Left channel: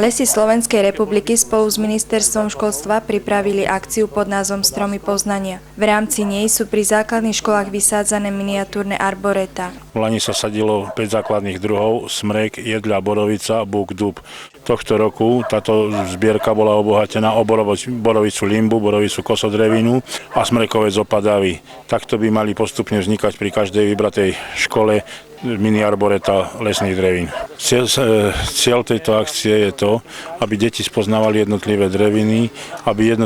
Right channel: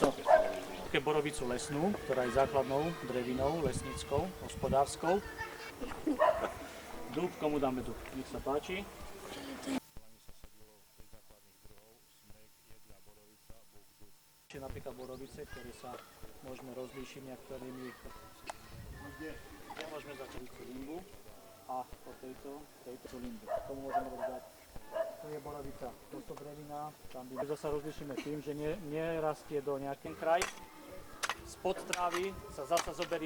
Lesy Slovenskej republiky spolu s Ministerstvom školstva pripravili akciu pod názvom Stromy poznania. V rámci nej sú pri základných školách vysádzané miniatúrne arboretá. V lani sa sadilo 5 základných druhov: smrek, jedľa, borovica, búk, dub. Tohto roku táto zbierka bola obohatená o borovicu limbu, borovicu kosodrevinu a smrekovec opadavý. Takto by mali postupne vznikať pri každej vybratej škole mini arboreta lesných drevín. Cieľ tejto akcie je to, aby deti spoznávali jednotlivé dreviny, aby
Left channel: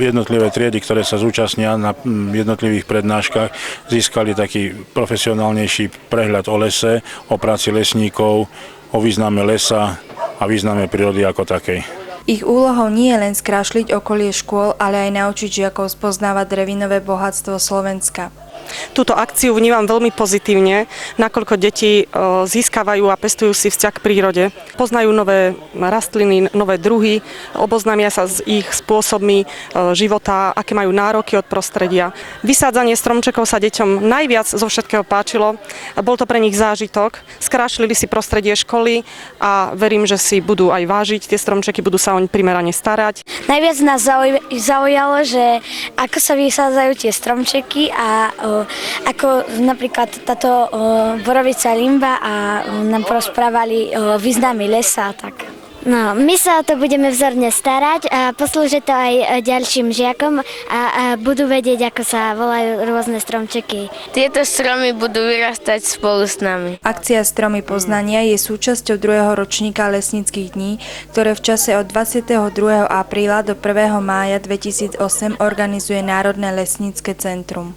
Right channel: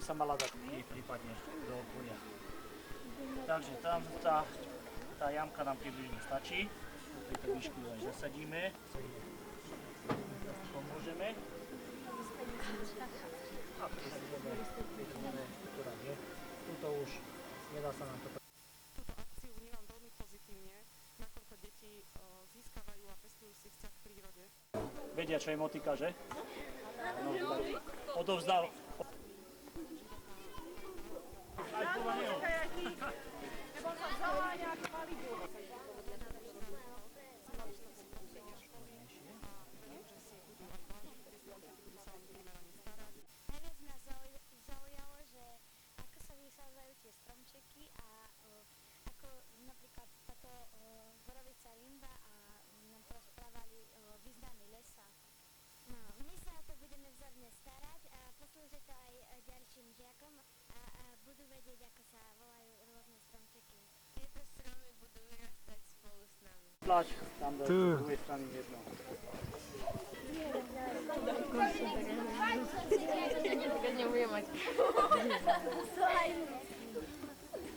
jednotlivé triedy, ktoré sa zúčastnia na jednotlivých prednáškach, získali taký profesionálnejší prehľad o lese, o práci lesníkov, o význame lesa a význame prírody ako takej. Ich úlohou nie je len skrášliť okolie škôl, ale aj naučiť žiakov spoznávať drevinové bohatstvo Slovenska. Túto akciu vnímam veľmi pozitívne, nakoľko deti získavajú a pestujú si vzťah k prírode. Poznajú nové rastliny, nové druhy, oboznámia sa s ich spôsobmi života, aké majú nároky od prostredia. Vysádzanie stromčekov sa deťom najviac zo všetkého páčilo. Bol to pre nich zážitok. Skrášlili si prostredie školy a verím, že si budú aj vážiť tie stromčeky, budú sa oň primerane starať. Najviac nás zaujalo, že ako sa vysádzajú tie stromčeky a ako napríklad táto borovica limba a nám porozprávali o význame lesa. Tak. No, my sa o to budeme vzorne starať a poslúži to aj ďalším žiakom a budú vedieť, ako sa volajú rôzne stromčeky. Tieto stromy budú vyrastať spolu s nami. Akcia Stromy poznania je súčasťou 2. ročníka lesníckych dní, ktoré v čase od 22. apríla do 1. mája 2008 organizuje Národné lesnícke centrum.